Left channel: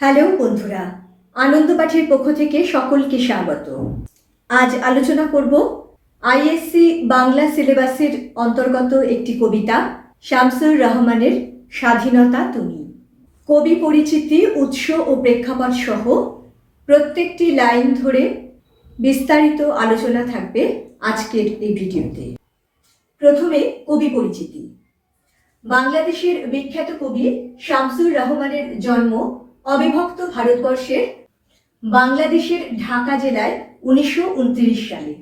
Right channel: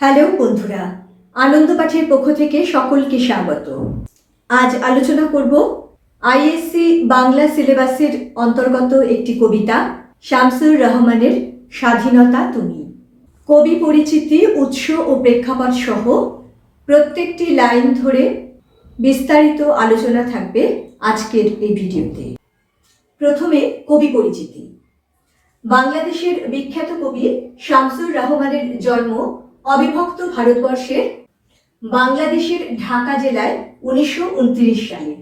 Hello বন্ধুরা, আনন্দ পাঠের পক্ষ থেকে সকলকে স্বাগত। আজ আলোচনা করব আইএসসি বাংলা সিলেবাসের অন্তর্গত একটি কবিতা, শামসুর রহমানের স্বাধীনতা তুমি। কবি পরিচিতি, উৎস ও প্রেক্ষাপট সহ প্রত্যেকটি লাইন ধরে বিস্তারিত আলোচনা থাকবে আজকের এই ভিডিওতে। প্রথমে কবি পরিচিতি। বাংলাদেশের বিখ্যাত কবি শামসুর রহমানের জন্ম অবিভক্ত ভারতবর্ষের বাংলাদেশের ঢাকা জেলায় উনিশশো উনত্রিশ সালে।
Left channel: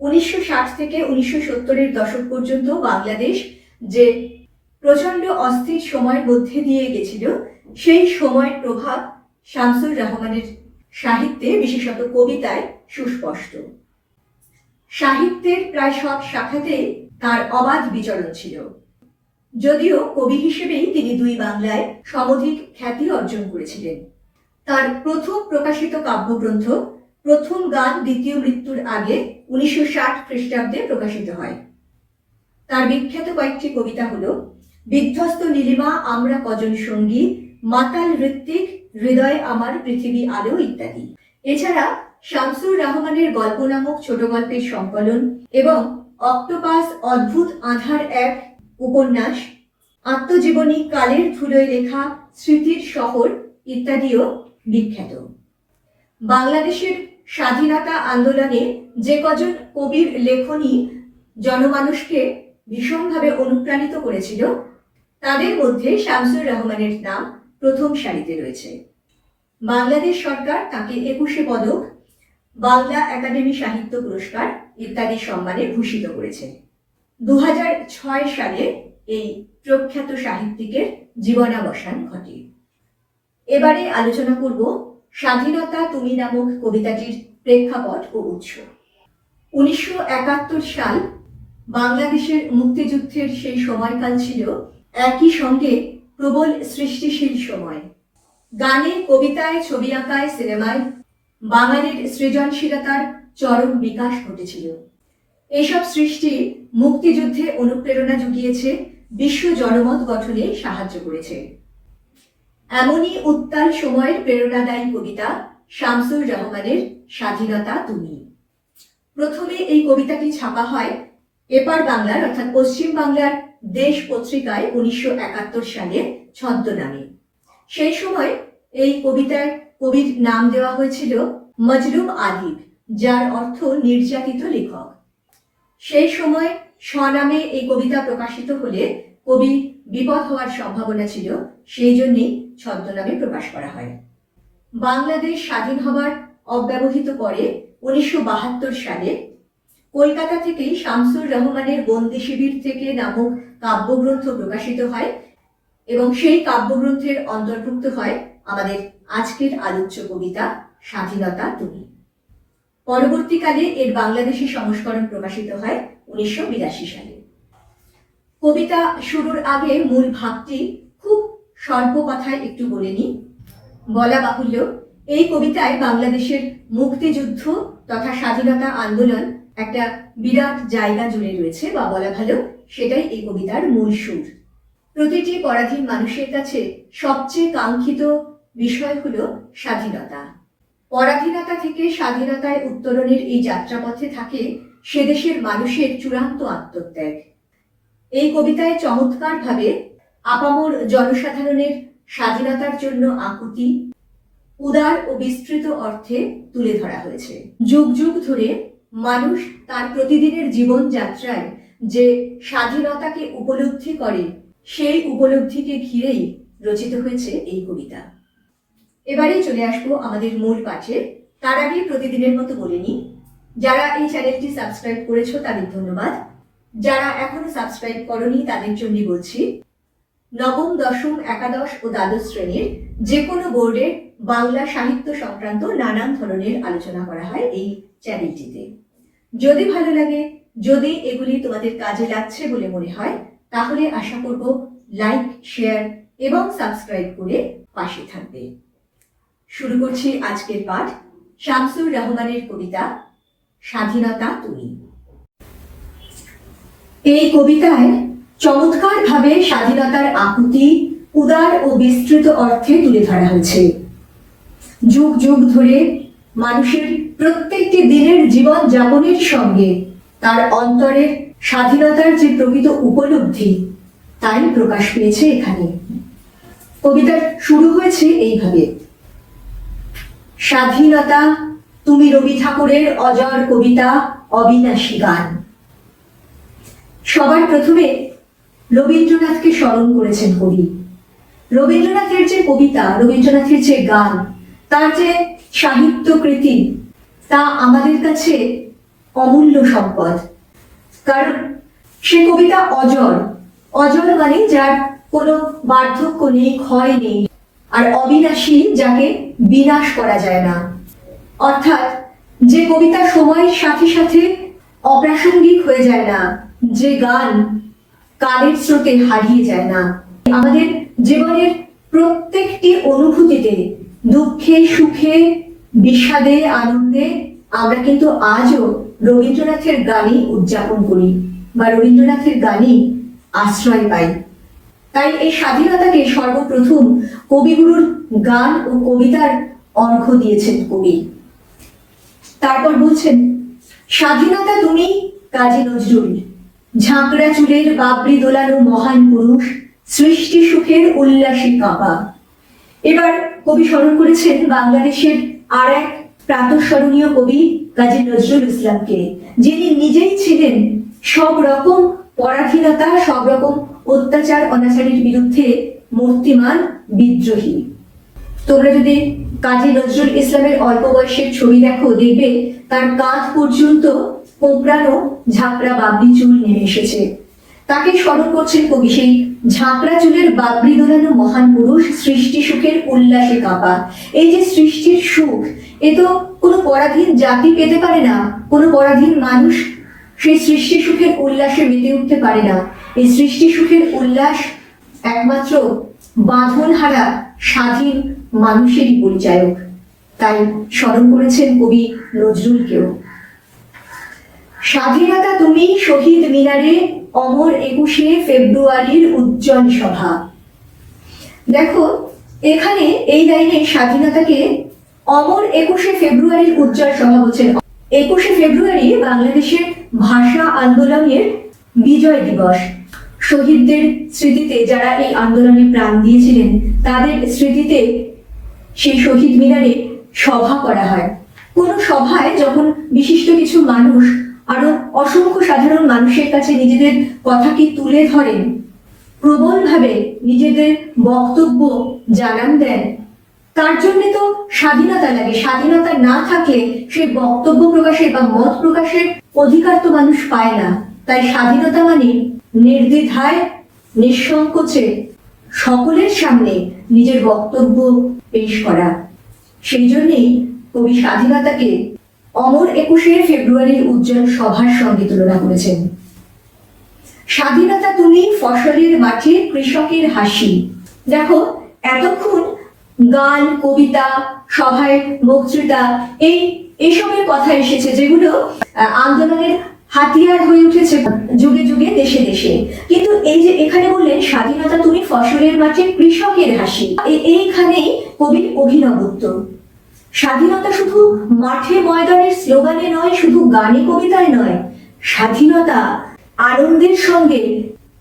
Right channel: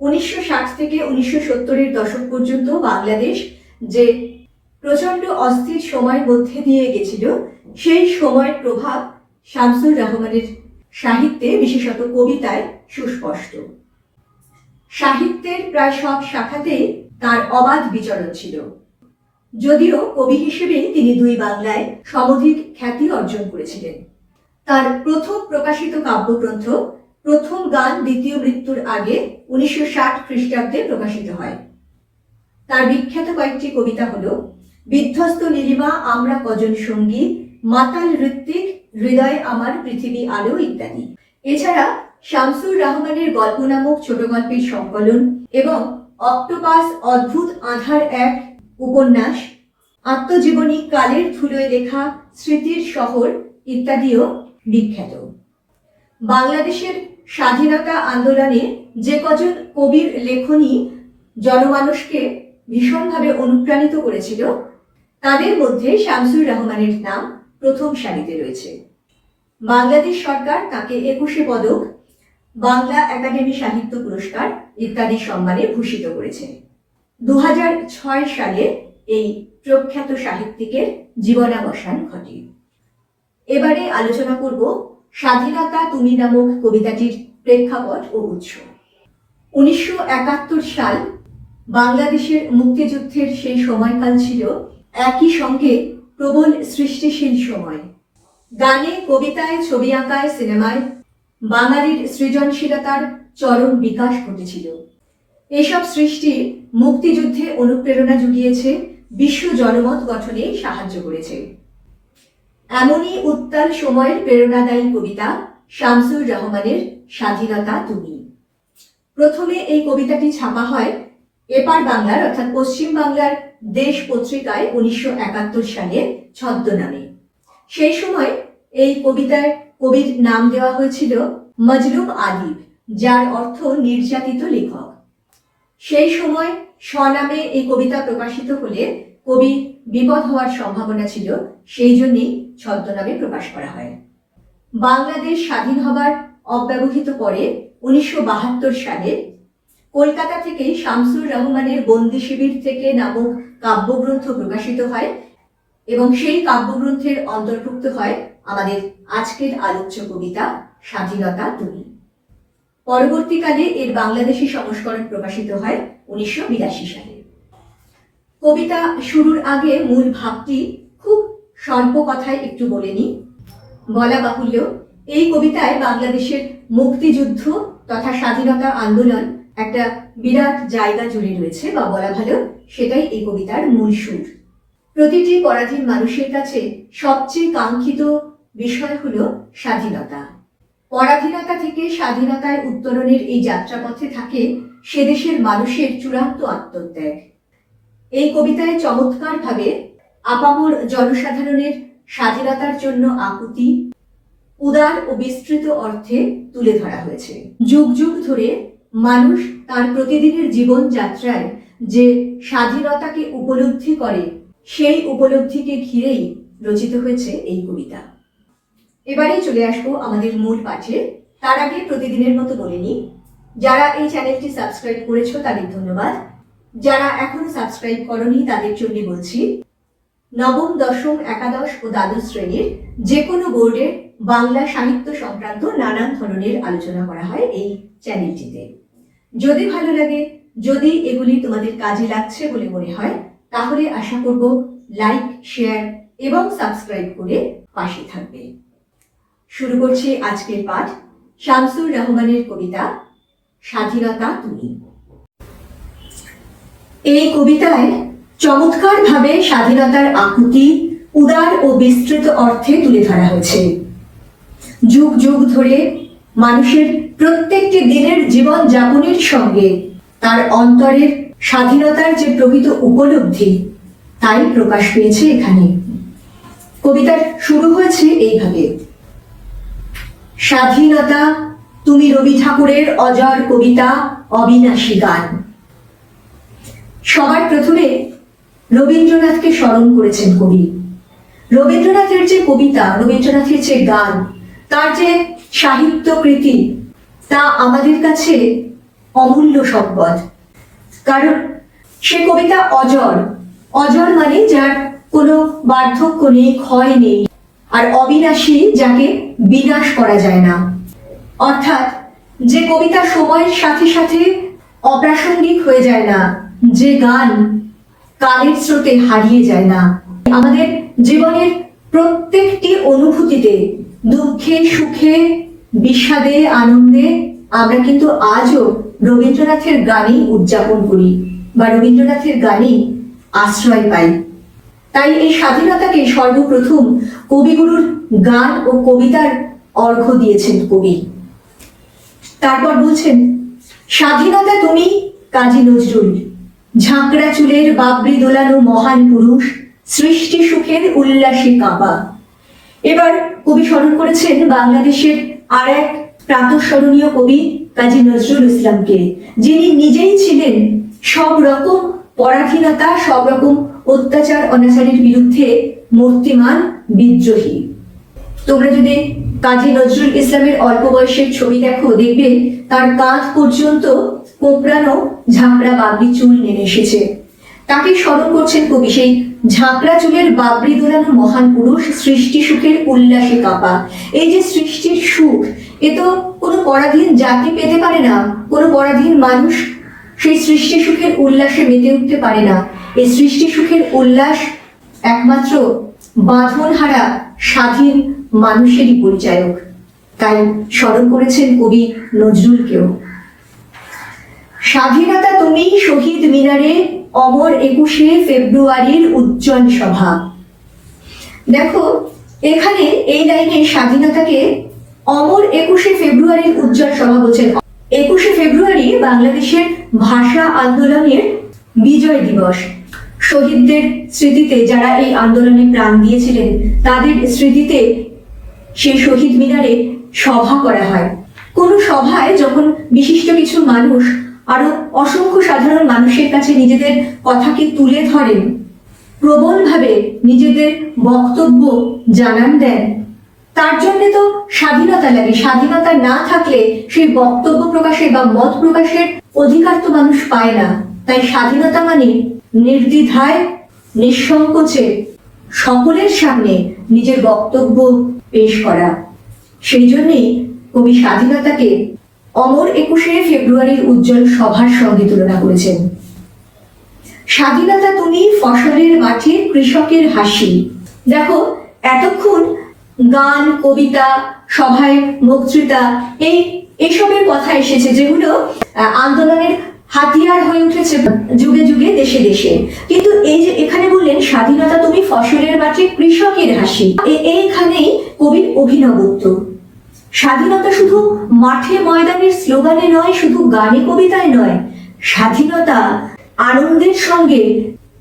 উনিশশো ষাট থেকে উনিশশো সত্তরের দশক পর্যন্ত বাংলাদেশ যে প্রচণ্ড অস্থির সময়ের মধ্যে দিয়ে গেছিল, সেই সময়ের প্রভাব শামসুর রহমানের সাহিত্যে, বিশেষত কবিতায় সুস্পষ্ট। সাহিত্যের প্রায় সব শাখাতেই তার অবাধ বিচরণ ছিল। যদিও কবি হিসেবেই তিনি দুই বাংলায় সমধিক খ্যাতি অর্জন করেছিলেন। তার প্রথম প্রকাশিত কাব্যগ্রন্থ, প্রথম গান দ্বিতীয় মৃত্যুর আগে উনিশশো ষাট খ্রিস্টাব্দে প্রকাশিত হয়। তার বিখ্যাত কয়েকটি কবিতা হল, বিধ্বস্ত নীলিমা আমরা কজন সঙ্গী, মাতাল ঋত্বিক হৃদয়ে আমার পৃথিবী আলো ইত্যাদি। এছাড়া শামসুর রহমানের গল্প নামক ছোট গল্পের সংকলন এবং অক্টোপাস অদ্ভুত আধার এক উপন্যাস, আত্মজীবনী, কালের ধুলোয় লেখা, স্মৃতির শহর ইত্যাদিও বিখ্যাত। বাংলাদেশের স্বাধীনতা আন্দোলনে যে কজন কবির লেখনী জনমানুষকে ভীষণভাবে অনুপ্রাণিত করেছিল, তাদের মধ্যে শামসুর রহমানের নাম প্রথম সারিতে রয়েছে। বাংলাদেশ সরকার তাকে একুশে পদক, বাংলা একাডেমি সাহিত্য পুরস্কার ইত্যাদি সম্মানে ভূষিত করেছে। দু হাজার ছয় সালে এই প্রখ্যাত সাহিত্যিকের জীবনাবসান ঘটে। এবারে আলোচনা করব স্বাধীনতা তুমি নামক কবিতাটির প্রেক্ষাপট ও উৎস। উনিশশো একাত্তর সাল বাংলাদেশের মুক্তিযুদ্ধের সেই সময়কাল ছিল একই সঙ্গে প্রবল সৃষ্টিশীল সময়। গানে, কবিতায়, ছবি আঁকায়, সিনেমায় বাঙালির সৃজনশীলতার চরম বিকাশ ঘটেছিল। এইসব সৃষ্টি মুক্তিযুদ্ধে অনুপ্রেরণা জুগিয়েছে, বিশ্ব জনমত গঠনে সাহায্য করেছে। এমনই উত্তাল সময়ের প্রেরণাদায়ী কবিতা শামসুর রহমানের স্বাধীনতা তুমি। প্রথমে এই কবিতাটি ছাপা হয় এপার বাংলার, অর্থাৎ পশ্চিম বাংলার দেশ পত্রিকায় উনিশশো একাত্তর সালে ছদ্মনামে। সেই সময় এই কবিতার কবির নাম দেওয়া হয়েছিল মজলুম আদিব, যার অর্থ নির্যাতিত লেখক। সেই সময় স্বনামে এই কবিতা প্রকাশিত হলে কবি বিপদ হওয়ার সম্ভাবনা ছিল, সেই জন্যই ছদ্মনামে প্রকাশ করা হয়। বাংলাদেশ স্বাধীন হবার অব্যবহিত পরে উনিশশো বাহাত্তর সালে কলকাতা থেকেই শামসুর রহমানের বন্দি শিবির থেকে নামক কাব্যগ্রন্থ প্রকাশিত হয় এবং সেই কাব্যগ্রন্থের অন্তর্ভুক্ত হয় আমাদের আজকের আলোচ্য কবিতা, স্বাধীনতা তুমি। পরবর্তীকালে এর বাংলাদেশি সংস্করণ প্রকাশিত হয় উনিশশো বিরাশি সালে। কবিতা শুরুর আগে মূল ভাবটি খুব স্বল্প কথায় একটু বলে নিই। বলা বাহুল্য, এই কবিতায় বাংলাদেশের মুক্তিযুদ্ধ তথা স্বাধীনতা আন্দোলন একটা বিরাট জায়গা জুড়ে রয়েছে বা বলা ভালো, সেটাই এই কবিতার মূল সুর। প্রতিটি পরাধীন মানুষের কাছে সবচেয়ে কাঙ্ক্ষিত বিষয় হলো স্বাধীনতা। পরাধীনতা থেকে স্বাধীনতায় উত্তরণের এই যাত্রাপথে থাকে সে দেশের মানুষের চূড়ান্ত আত্মত্যাগ। এই কবিতায় চমৎকারভাবে আপামর জনসাধারণের স্বাধীনতার জন্য আকুতি, উদার ও বিস্তৃত অর্থে তুলে ধরা হয়েছে। যুগ যুগ ধরে মানুষ তার প্রতিদিনের জীবনযাত্রায় যে স্বাধীনতাকে উপলব্ধি করে, সেই উপলব্ধিকে ঘিরেই রচিত হয়েছে এই কবিতা। এবারে চলে আসব আমাদের মূল পাঠে। তার আগে প্রতিদিনের মতো বলে নিই, যারা এই চ্যানেলটি সাবস্ক্রাইব করেছ তাদের ধন্যবাদ। যারা এখনও সাবস্ক্রাইব করনি তাদের জন্য বলছি, নবম, দশম, একাদশ ও দ্বাদশ শ্রেণির যে কোনো বোর্ডের বাংলা সাহিত্য সংক্রান্ত নানান ধরনের আলোচনা করা হয় এই চ্যানেলটিতে। যদি ভালো লাগে, যদি এগুলি তোমাদের কাজে লাগছে বলে মনে হয়, তাহলে আশা করব লাইক, শেয়ার এবং সাবস্ক্রাইব করে পাশে থাকবে। শুরু করছি আজকের পাঠ শামসুর রহমানের কবিতা, স্বাধীনতা তুমি। এই কবিতায় চমৎকারভাবে স্বাধীনতার আকুতি, উদার ও বিস্তৃত অর্থে তুলে ধরা হয়েছে। যুগ যুগ ধরে মানুষের প্রত্যেকটি দিনের জীবন যাপনের সঙ্গে তার অন্তরের স্বাধীনতার যে প্রকৃত উপলব্ধি, তাই প্রকাশ পেয়েছে এখানে। কবিতার শুরু হয়েছে এইভাবে। স্বাধীনতা, তুমি রবি ঠাকুরের অজর কবিতা, অবিনাশী গান। সবার প্রথমে রবীন্দ্রনাথকে স্মরণ করেছেন কবি। রবীন্দ্রনাথের যে কবিতা, রবীন্দ্রনাথের যে গান, তার যে সাহিত্য কৃতি, তা আমাদের কাছে অমূল্য সম্পদ। কারণ সে কবিতা অজর অজর মানে যার কোনো বার্ধক্য নেই, ক্ষয় নেই। আর অবিনাশী যাকে বিনাশ করা যায় না। অর্থাৎ যে কবিতা সময়ের সাথে সাথে অপ্রাসঙ্গিক হয়ে যায় না, যে গান কালের স্রোতে হারিয়ে যায় না। আমাদের জীবনের প্রত্যেকটি অনুভূতিতে দুঃখে, সুখে, বিষাদে, আনন্দে আমরা কিন্তু আজও রবীন্দ্রনাথের গানই উদযাপন করি বা রবীন্দ্রনাথের গানই আশ্রয় পাই। তাই এই স্বাধীনতাকে সর্বপ্রথম কবিগুরুর গান ও কবিতার অর্ঘ্য দিয়েছেন কবি। তারপর বলছেন, স্বাধীনতা তুমি কাজী নজরুল। ঝাঁকড়া চুলের বাবরি দোলানো মহান পুরুষ, সৃষ্টি সুখের উল্লাসে কাঁপা এবার কবি স্মরণ করেছেন বাংলাদেশের আর এক প্রাতঃস্মরণীয় কবি কাজী নজরুল ইসলামকে, যিনি নিজেই ছিলেন সব রকম পরাধীনতা, সব রকম অত্যাচার অনাচারের বিরুদ্ধে মূর্তিমান বিদ্রোহী। তোমরা যদি কাজী নজরুল ইসলামের অল্প বয়সের ছবি দেখো, দেখবে তার কাঁধ পর্যন্ত কোপড়ানো ঝাঁকড়া বাবরি চুল নেমে এসেছে। তাকে স্মরণ করছেন কবি সেই ঝাঁকড়া চুলের বাবরি দোলানো মহান পুরুষ সৃষ্টি সুখের উল্লাসে কাঁপা। এই যে সৃষ্টির সুখ, এ তো কোনো পরাধীন জাতি পেতে পারে না, কোনো পরাধীন মানুষ সেই সৃষ্টি সুখের উল্লাসে মেতে উঠতে পারে না। এই সৃষ্টি সুখের উল্লাস একমাত্র বাঁধনহারা স্বাধীন মানুষেরই পরিচায়ক। তাই স্মরণ করেছেন কবি নজরুলকেও। স্বাধীনতা তুমি শহীদ মিনারে অমর একুশে ফেব্রুয়ারির উজ্জ্বল সভা। দেখো, এখানে এই লাইনে স্বাধীনতাকে অমর একুশে ফেব্রুয়ারির উজ্জ্বল সভা বলছেন। একুশে ফেব্রুয়ারি বাংলাদেশের ভাষা আন্দোলনের বিজয় দিবস। শহীদদের স্মৃতিতে যারা এই আন্দোলনে প্রাণ দিয়েছিলেন, তাদের স্মৃতিতে সেই শহীদ মিনারে সভা করা হয়। কোনো সভায় যখন বিশিষ্ট কিছু মানুষ, আরও অসংখ্য সাধারণ মানুষের কাছে নিজেদের কথাকে তুলে ধরেন, প্রবলভাবে নিজেদের বক্তব্য জানান দেন, তার জন্য তো স্বাধীনতা লাগে। স্বাধীনতা না থাকলে সেই বক্তব্য প্রকাশের বা মত প্রকাশের অধিকার তো মানুষ পায় না। তাই স্বাধীনতা মানে নির্দ্বিধায়, নিঃসংকোচে সকলের সামনে নিজের বক্তব্য পেশ করা। সেই জন্যেই কবি স্বাধীনতাকে অমর একুশে ফেব্রুয়ারির উজ্জ্বল সভার সঙ্গে তুলনা করেছেন। স্বাধীনতা তুমি ফসলের মাঠে কৃষকের হাসি। দেখো, এতক্ষণ গান, কবিতা, সভায় বক্তৃতা, এই এসবের কথা এসেছে যেগুলো আন্দোলনের হাতিয়ার হয়ে উঠেছে যুগে যুগে, দেশে দেশে। কিন্তু এই যে এখানে বললেন, স্বাধীনতা তুমি ফসলের মাঠে কৃষকের হাসি। এইখানেই কবির অভিনবত্ব। স্বাধীনতা শুধু মাঠে ময়দানের স্লোগানে নয়, শুধু গানে কবিতায় নয়। স্বাধীনতা আনন্দের সঙ্গে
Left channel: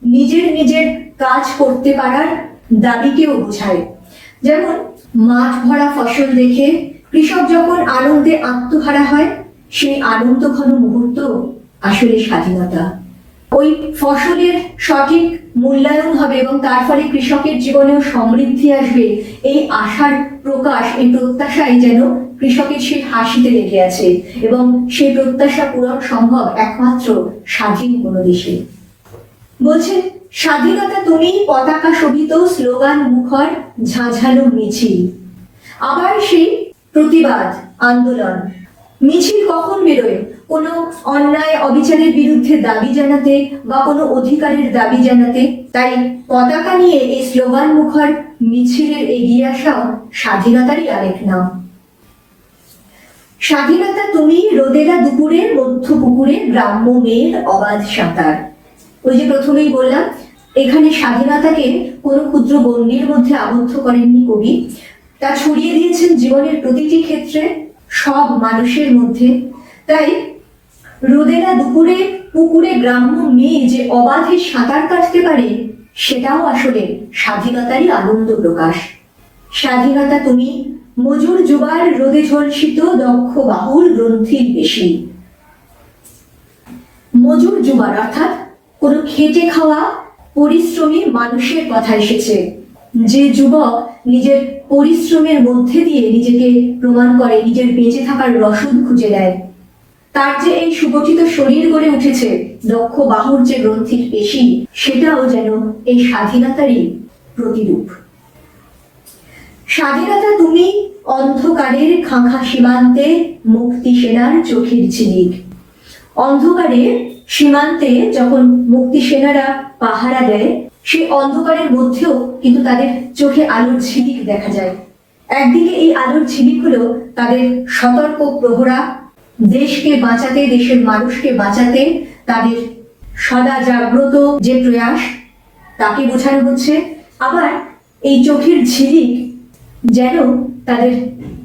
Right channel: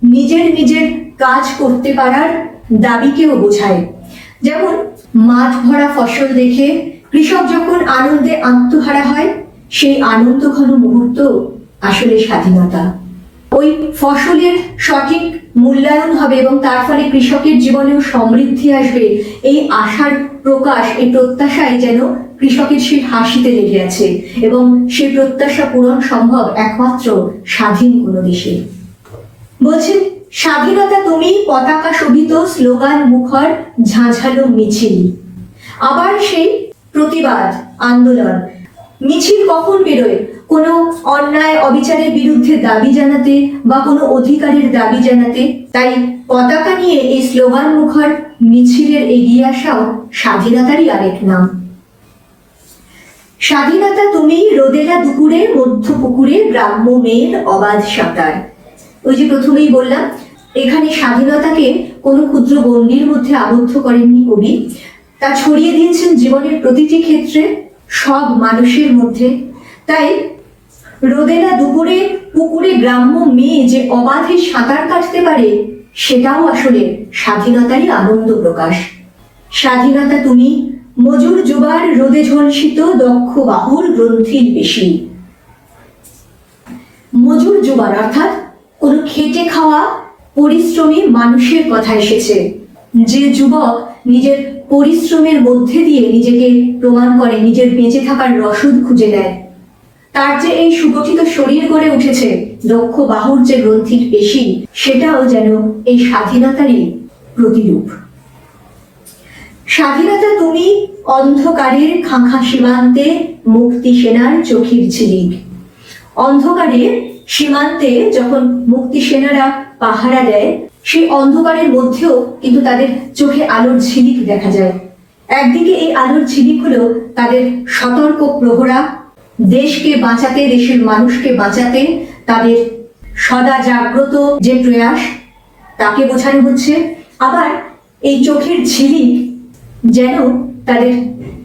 নিজের নিজের কাজ করতে পারার দাবিকেও বোঝায়। যেমন, মাঠ ভরা ফসল দেখে কৃষক যখন আনন্দে আত্মহারা হয়, সেই আনন্দ ঘন মুহূর্ত আসলে স্বাধীনতা। ওই ফসলের সঠিক মূল্যায়ন হবে এবং তার ফলে কৃষকের জীবনেও সমৃদ্ধি আসবে। এই আশার প্রকাশ, এই প্রত্যাশাই যেন কৃষকের সেই হাসিতে লেগে আছে এবং সেই প্রত্যাশা পূরণ সম্ভব একমাত্র স্বাধীন কোনো দেশে। বলছেন, স্বাধীনতা তুমি পতাকা শোভিত, স্লোগান মুখর, ঝাঁঝালো মিছিল। আবার সেই প্রতিবাদ, আন্দোলন। মিছিল কখন বেরোয়? কোনো অন্যায় অবিচারের বিরুদ্ধে দাবি জানাতে বা কোনো অধিকারের দাবি জানাতে, তাই পতাকা নিয়ে এই স্লোগান মুখর মিছিলের এগিয়ে আসাও স্বাধীনতারই আরেক নাম। স্বাধীনতা তুমি রোদেলা দুপুরে, মধ্য পুকুরে গ্রাম্য মেয়ের অবাধ সাঁতার। ওই যে প্রথমেই বললাম, এখানে স্বাধীনতাকে কোনো ক্ষুদ্র গণ্ডির মধ্যে আবদ্ধ করেননি কবি। তা ছড়িয়ে দিয়েছেন জীবনের প্রতিটি ক্ষেত্রে, সব মানুষের মধ্যে। তাই রোদেলা দুপুরে পুকুরে গ্রাম্য মেয়ে যে অবাধে সাঁতার কাটতে পারে, সেটাও আসলে স্বাধীনতারই আনন্দ প্রকাশ। স্বাধীনতা তুমি, মজুর যুবার রোদে ঝলসিত দক্ষ বাহুর গ্রন্থির বেশি। মজুর যুবার অর্থাৎ কোনো খেটে খাওয়া পরিশ্রমী মানুষের কথা এসেছে। যে যুবক নিজের পরিশ্রমের মধ্যে দিয়ে নিজেকে প্রমাণ করে, নিজের বেঁচে থাকার রসদ খুঁজে দেয় তার যে এই সুগঠিত শরীর গড়ে উঠেছে দক্ষ বাহুর যে গ্রন্থির পেশি, সেটাও যেন এই স্বাধীনতারই প্রতিরূপ। স্বাধীনতা তুমি অন্ধকারের খাঁখা সীমান্তে মুক্তি সেনার চোখের ঝিলিক। অন্ধকারে সীমান্তে যখন মুক্তি সেনারা পাহারা দেয় সেই অন্ধকারের মধ্যেও কিন্তু তাদের চোখে আলোর ঝিলিক দেখা যায়। একদিকে এই আলোর ঝিলিক হলো তাদের সতর্ক প্রহরা দেশকে বাঁচাতে, দেশের মানুষকে বাঁচাতে তাদের সদা জাগ্রত যে প্রয়াস, তাকে বোঝানো হচ্ছে। আবার এই চোখের ঝিলিক যেন তাদের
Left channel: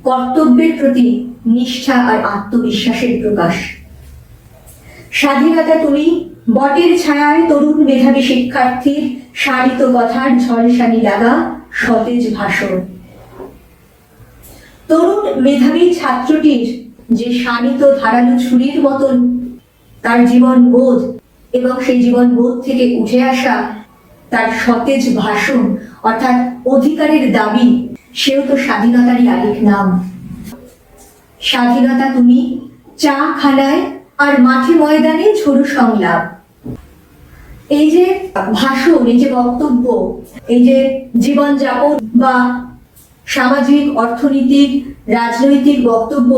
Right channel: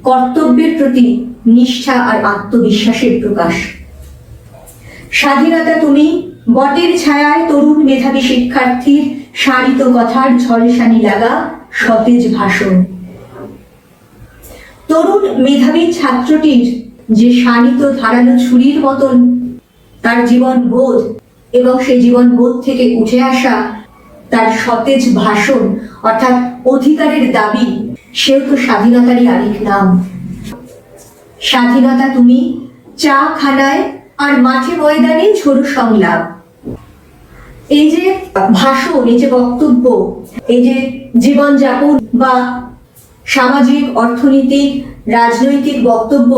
কর্তব্যের প্রতি নিষ্ঠা আর আত্মবিশ্বাসের প্রকাশ। স্বাধীনতা তুমি, বটের ছায়ায় তরুণ মেধাবী শিক্ষার্থীর সারিত কথার ঝলসানি লাগা সতেজ ভাষণ। তরুণ মেধাবী ছাত্রটির যে শানিত ধারালো ছুরির মতন তার জীবন বোধ এবং সেই জীবন বোধ থেকে উঠে আসা তার সতেজ ভাষণ, অর্থাৎ অধিকারের দাবি, সেও তো স্বাধীনতারই আরেক নাম। স্বাধীনতা তুমি চা খানায় আর মাঠে ময়দানে ঝোড়ো সংলাপ। এই যে ভাষণ, এই যে বক্তব্য, এই যে জীবনযাপন বা সামাজিক, অর্থনৈতিক, রাজনৈতিক বক্তব্য,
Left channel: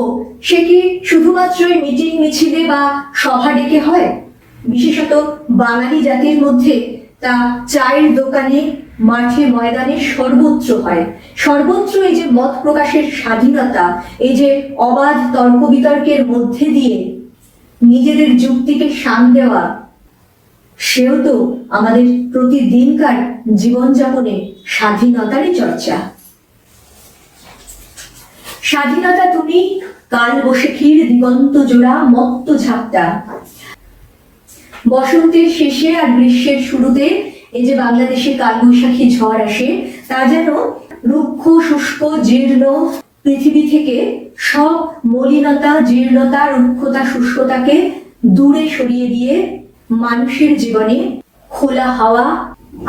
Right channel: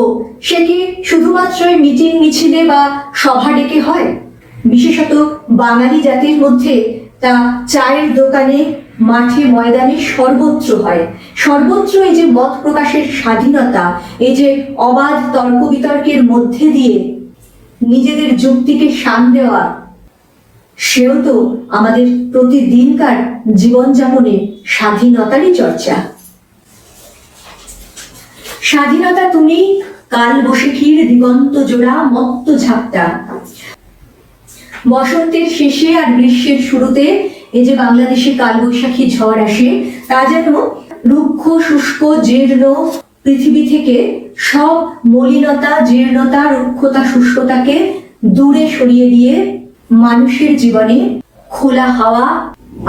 সে কি শুধুমাত্রই মিটিং মিছিলে বা সভা ডেকে হয়? বিশেষত বাঙালি জাতির মধ্যে তা চায়ের দোকানে, মাঠে, ময়দানে সর্বত্র হয়। সর্বত্র এই যে মত প্রকাশের স্বাধীনতা, এই যে অবাধ তর্ক বিতর্কের মধ্যে দিয়ে নিজেদের যুক্তিকে শান দেওয়া, সেও তো আমাদের প্রতিদিনকার জীবনযাপনে স্বাধীনতারই চর্চা। স্বাধীনতা তুমি কাল বসেখির দিগন্ত জোড়া, মত্ত ঝাপটা। বসন্তের শেষে আর গ্রীষ্মের শুরুতে এই যে বাংলাদেশে কালবৈশাখী ঝড় আসে, তা যেন রুক্ষ, শুষ্ক, জীর্ণ পৃথিবী থেকে সব মলিনতা, জীর্ণতা, রুক্ষতা, শুষ্কতাকে দূরে সরিয়ে দিয়ে মানুষের জীবনে খোলা হাওয়া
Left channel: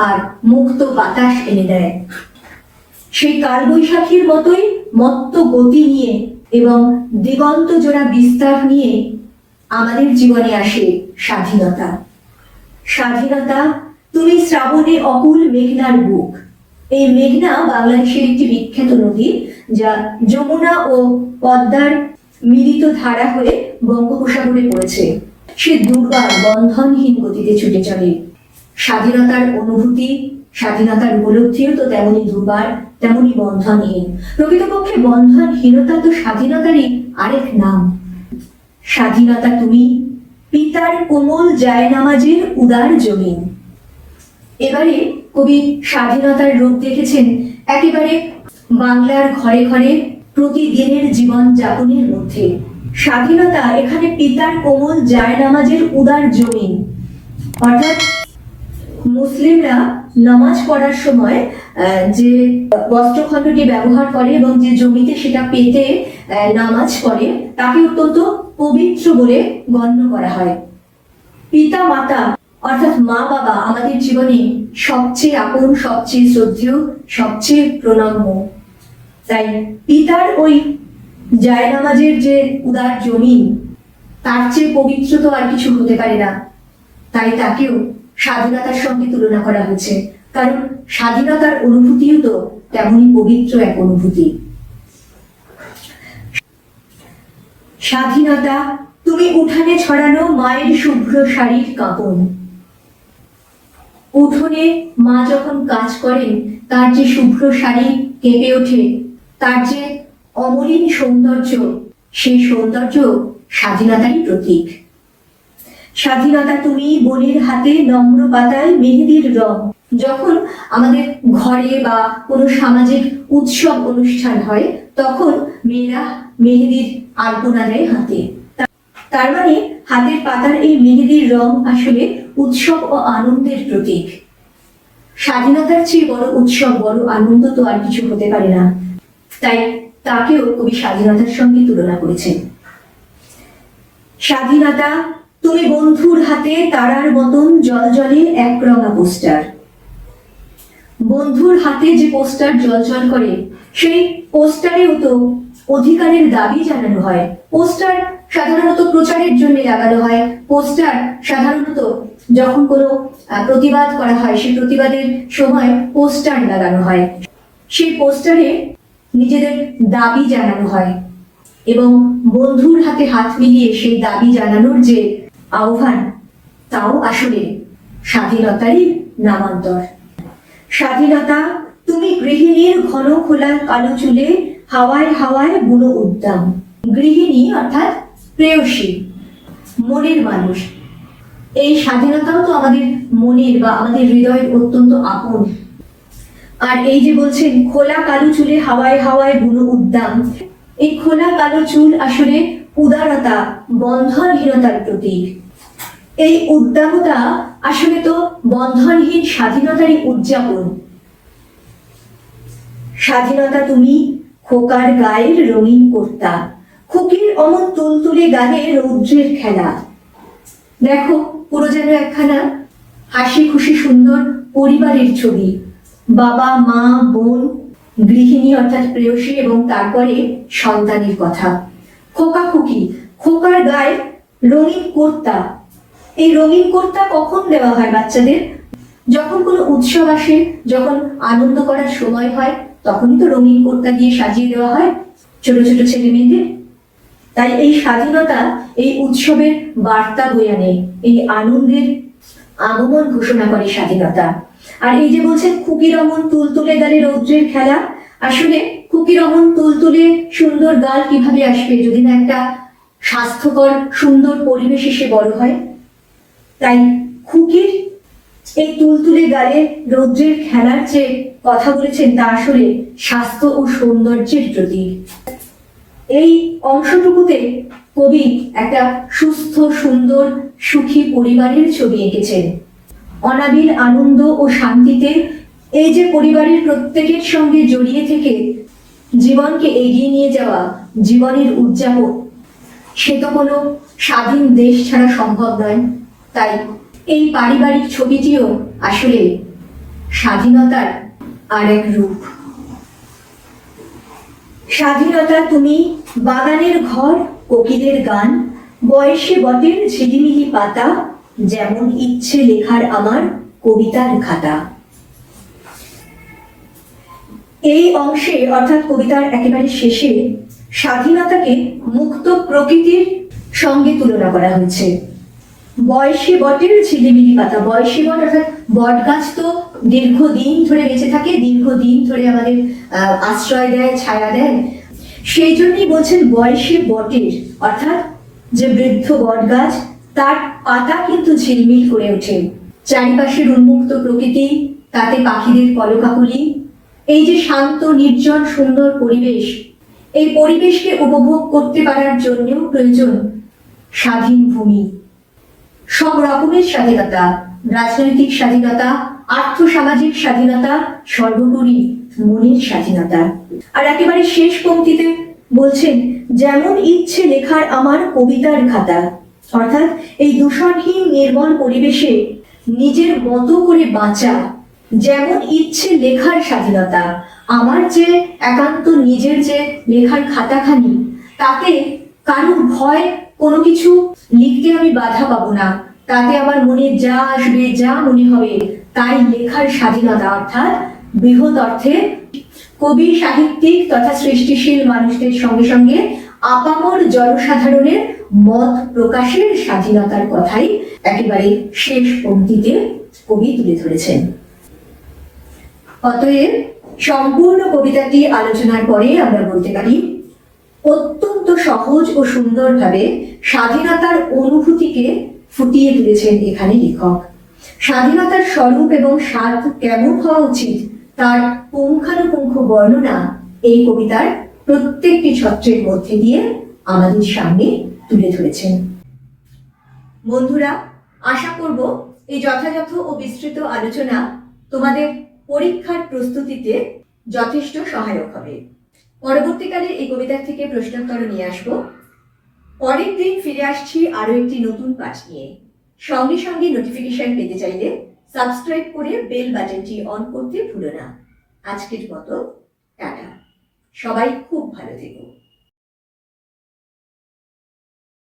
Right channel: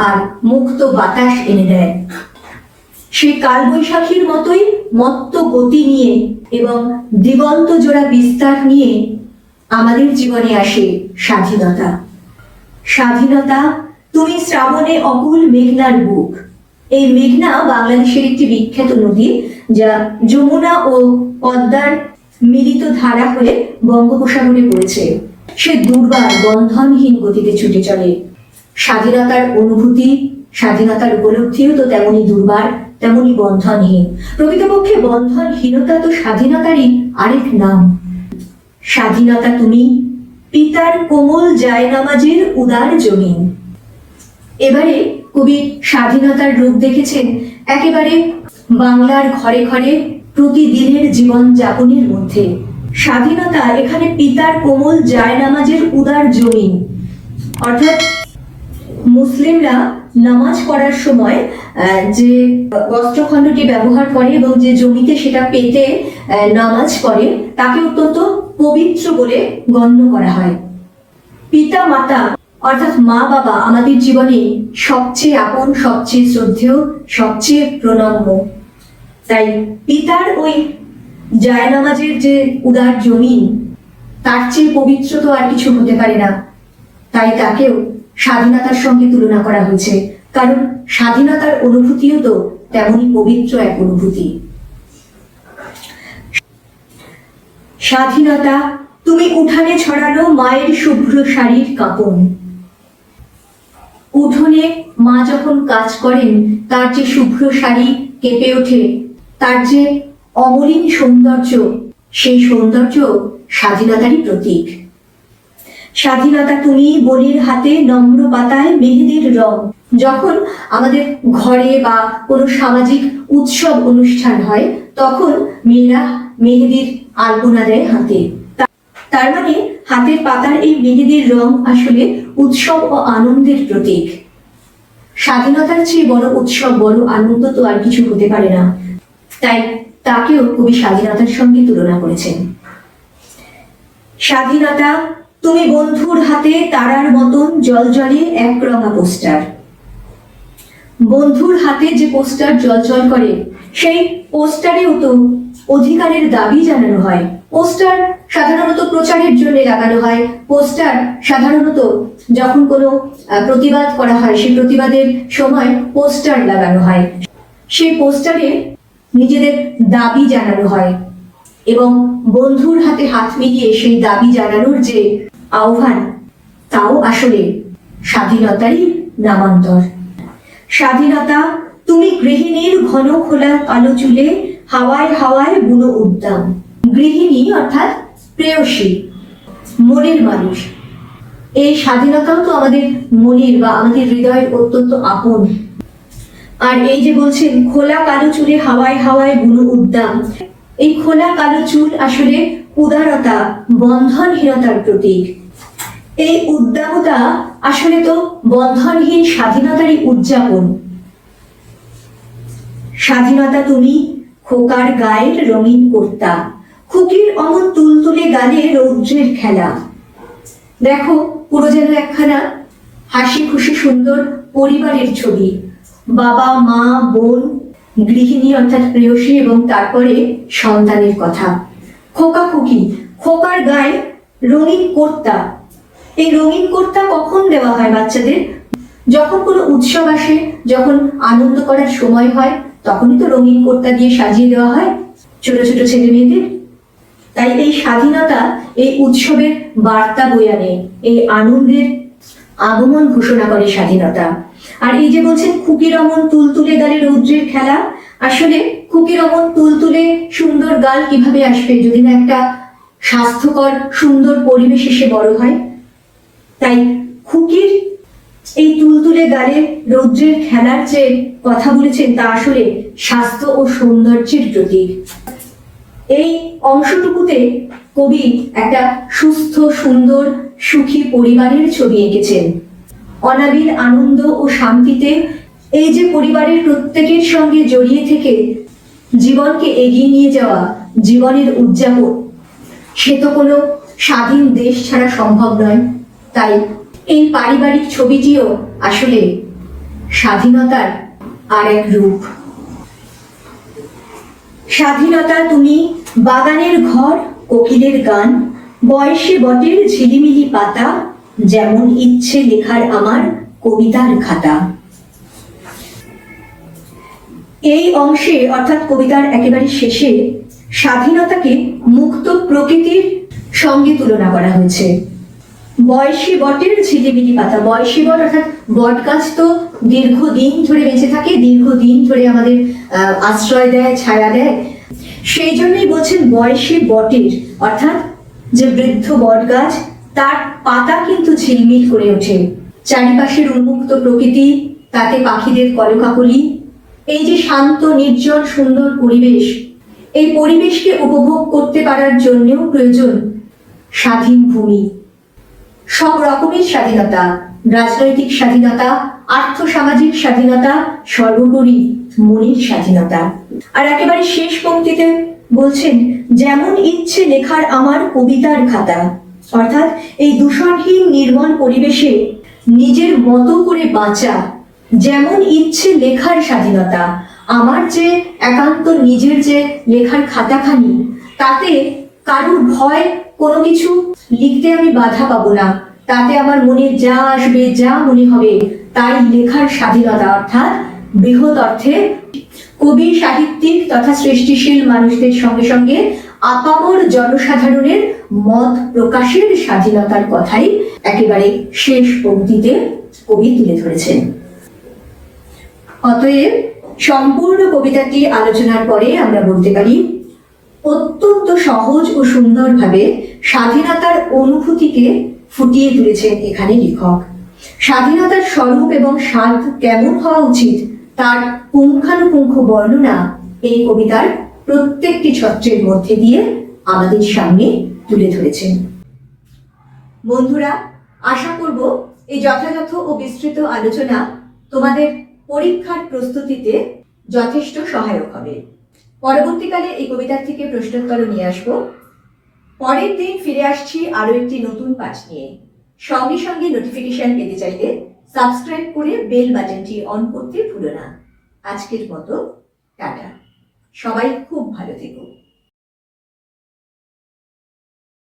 আর মুক্ত বাতাস এনে দেয়। সেই কালবৈশাখীর মতোই মত্ত গতি নিয়ে এবং দিগন্ত জোড়া বিস্তার নিয়ে আমাদের জীবনে আসে স্বাধীনতা। স্বাধীনতা, তুমি শ্রাবণে অকুল মেঘনার বুক। এই মেঘনা বাংলাদেশের একটি বিখ্যাত নদী যা যমুনা ও পদ্মার মিলিত ধারা হলে বঙ্গোপসাগরে পড়েছে। সে দুর্বার বন্ধনহীন গতিতে ছুটে চলে। স্বাধীনতার অনুভূতি, স্বাধীনতার উপলব্ধিও তো তেমনি দুর্বার। তেমনি বন্ধনহীন। প্রকৃতপক্ষে বন্ধনহীনতা তো স্বাধীনতারই আরেক নাম। স্বাধীনতা তুমি, পিতার কোমল জায়নামাজের উদার জমিন এবারে কবি স্বাধীনতার রূপ দেখেছেন একেবারে বাংলার ঘরে ঘরে প্রতিদিনের জীবন যাপনের মধ্যে। স্বাধীনতা এখানে পিতার কোমল জায়নামাজের উদার জমিন অর্থাৎ মুসলিমরা নামাজ পড়ার সময় যে বস্ত্রখণ্ডটি ব্যবহার করে এবং যে জমিতে সেটা পেতে নামাজ পড়ে, তাকে অত্যন্ত পবিত্র বলে গণ্য করা হয়। পিতা, মাতা, অর্থাৎ মা, বাবা আমাদের জীবনে সবচেয়ে আপন, সবচেয়ে শ্রদ্ধেয়, সবচেয়ে প্রণম্য। তাই পিতার ওই জায়নামাজের যে উদার জমিন, তার চেয়ে পবিত্র তো আর কিছু হতে পারে না। তাই তাকেও স্বাধীনতার সঙ্গে তুলনা করা হয়েছে। কারণ স্বাধীনতার অনুভূতিও তো তেমনই পবিত্র এক অনুভূতি। স্বাধীনতা, তুমি উঠানে ছড়ানো মায়ের শুভ্র শাড়ির কাঁপন। উঠোনে মা যখন কাজ করেন, তার যে শুভ্র শাড়ি কেঁপে ওঠে, তার যে অমলিন সৌন্দর্য, সেই সৌন্দর্য স্বাধীনতারই প্রতীক। স্বাধীনতা তুমি বলির হাতে নম্র পাতায় মেহেদির রং। যখন আমাদের ঘরে বা কোনো সামাজিক উৎসব অনুষ্ঠান হয়, তখন মেয়েরা মেহেদির আলপনা দেয় হাতে। তার মানে হাতের পাতার এই মেহেদির রং আসলে উৎসব ও আনন্দের প্রতীক। স্বাধীনতার চেয়ে বড় উৎসব, বড় আনন্দ তো আর কিছু হতে পারে না। তাই তাকেও কবি স্বাধীনতার সঙ্গে তুলনা করেছেন। স্বাধীনতা তুমি বন্ধুর হাতে তারার মতন জলজলে একরঙা পোস্টার। বন্ধুর হাতে যে পোস্টার জলজল করে, সেই পোস্টারেও তো অধিকারের দাবি জানানো হয়। পোস্টার সাধারণত প্রচারের জন্য লাগানো হয়। পোস্টার সাধারণত যখন কোনো প্রতিবাদ করা হয়, সেই প্রতিবাদের সময় পোস্টার লাগানো হয়। সেই পোস্টারে নিজেদের দাবি জানানো হয় এবং বন্ধুর হাতে হাত মিলিয়ে সেই দাবি জানানোর যে আহ্বান। তাও আসলে স্বাধীনতারই নামান্তর। স্বাধীনতা, তুমি গৃহিণীর ঘন খোলা কালো চুলে হাওয়ায় হাওয়ায় বুনো উদ্যাম গৃহিণী অর্থাৎ প্রেয়সী মনের মানুষ। এই স্বাধীনতাও তো আমাদের মনের বা আমাদের হৃদয়ের অত্যন্ত আপন। আর এই যে বলছেন, খোলা কালো চুলে হাওয়ায় হাওয়ায় বুনো উদ্যাম এই খোলা কালো চুল আসলে উদারতা, বন্ধনহীনতার প্রতীক। এই উদ্দামতা আসলে তো বন্ধনহীন স্বাধীনতারই উদযাপন। স্বাধীনতা তুমি খোকার গায়ের রঙিন কর্তা, খুকির অমন তুলতুলে গালে রৌদ্রের খেলা। দেখো পুরো যেন একখানা হাসি খুশি সুন্দর পরিবারের ছবি। বাবা, মা, বোন, গৃহিণী অর্থাৎ প্রেয়সী এবং তারপরে সন্তানের কথা। খোকা খুকি, খোকার গায়ে রঙিন কর্তা। এই রঙিন কর্তা কখন দেওয়া হয় বাচ্চাদের? যখন কোনো উৎসব আসে, যখন আনন্দ করার সময় হয়, তখনই তো রঙিন কর্তা দিয়ে সাজিয়ে দেওয়া হয় ছোট ছোট ছেলে মেয়েদের। তাই এই স্বাধীনতা এই উৎসবের বার্তা বয়ে আনে, এই আনন্দের আগমন ঘোষণা করে স্বাধীনতা। আর এই যে বলছেন খুকি রমন তুলতুলে গালে রৌদ্রের খেলা আসলে খুকি রমন তুলতুলে সুন্দর গাল কীভাবে আসবে যদি না একটা স্বাস্থ্যকর, সুন্দর পরিবেশ এসে বড় হয়? তাই খুকির এই তুলতুলে গালে রৌদ্রের খেলার যে কথা বলেছেন তা আসলে স্বাস্থ্য ও সৌন্দর্যের প্রতীক। এই অংশটুকুতে কবি একটা সুস্থ, সুন্দর, সুখী পরিবারের ছবি এঁকেছেন। অনাবিল আনন্দ ও শান্তিতে এই যে পরিবারের প্রত্যেকের সঙ্গে জড়িয়ে থেকে জীবনকে এগিয়ে নিয়ে যাওয়া জীবনের উদযাপন, সে তো কোনো স্বাধীন দেশ ছাড়া সম্ভব নয়। তাই এই পারিবারিক ছবিটিও আসলে স্বাধীনতার আর এক রূপ। স্বাধীনতা তুমি বাগানের ঘর, কোকিলের গান, বয়সে বটের ঝিলিমিলি পাতা, যেমন ইচ্ছে লেখার আমার কবিতার খাতা। এই অংশে, অর্থাৎ কবিতার একেবারে শেষে, স্বাধীনতাকে মুক্ত প্রকৃতির সঙ্গে তুলনা করা হয়েছে। বয়সী বটের ঝিলিমিলি পাতা, বয়সী বট, অর্থাৎ বট গাছ তো দীর্ঘদিন ধরে বেঁচে থাকে, দীর্ঘদিন ধরে আমাদের আশ্রয় দেয়, ছায়া দেয়। সেই জন্যই বলছেন বয়সী বটের, অর্থাৎ যে বৃদ্ধ বট গাছ, তার পাতা কিন্তু ঝিলমিল করে ওঠে। চারিপাশের উন্মুক্ত প্রকৃতি, তাতে পাখিদের কলকাকলি এই যে শান্ত, নির্জন, সুন্দর পরিবেশ, এই পরিবেশকে উপভোগ করতে পারার জন্যেও প্রয়োজন স্বাধীন ভূমি। সব রকমের স্বাধীনতা, রাজনৈতিক স্বাধীনতা, আর্থসামাজিক স্বাধীনতা, সর্বোপরি মনের স্বাধীনতা। আর একেবারে শেষ পংক্তিতে বলছেন, যেমন ইচ্ছে লেখার আমার কবিতার খাতা, অর্থাৎ এই দূষণহীন নির্মল পরিবেশে নিজের মতো করে বাঁচা যেমন ইচ্ছে লেখার স্বাধীনতা, আমার যে একান্ত নিজের যে লেখার খাতাখানি, তাতে কারুর ভয় কোনো কিছু লিখতে আমি বাধা পাবো না। তাতে আমার মনে যা আসবে, যা মনে হবে, তাই লেখার স্বাধীনতা, অর্থাৎ বৃহৎ অর্থে কবি, সাহিত্যিক তথা সৃষ্টিশীল মানুষদের সঙ্গে সঙ্গে আপামর জনসাধারণের মত প্রকাশের স্বাধীনতার কথাই একেবারে শেষ পংক্তিতে কবি তুলে ধরেছেন। অতএব সম্পূর্ণ কবিতাটি আলোচনার পরে আমরা বলতে পারি, অত্যন্ত সহজ ও সুন্দরভাবে স্বাধীনতার অনুভূতিকে ফুটিয়ে তুলেছেন এখানে লেখক। স্বাধীনতার স্বরূপ এবং স্বাদ কেমন হওয়া উচিত তার পুঙ্খানুপুঙ্খ বর্ণনা এই কবিতার প্রত্যেকটি ছত্রের মধ্যে দিয়ে আমাদের সামনে তুলে ধরেছেন। বন্ধুরা, আশা করব এই যথাযথ ও বিস্তৃত আলোচনা তোমাদের পরীক্ষার প্রস্তুতিতে যথেষ্ট সহায়ক হবে। পরবর্তীকালে এই কবিতার থেকে প্রশ্নোত্তর নিয়ে আসব। পরের দিন ফিরে আসছি আরও একটি নতুন কাজ নিয়ে। সঙ্গে সঙ্গে নোটিফিকেশন পেতে চাইলে সাবস্ক্রাইব করে বেল বাটনটি অন করতে ভুলো না। আজকের মতো, টাটা। সবাই খুব ভালো থেকো।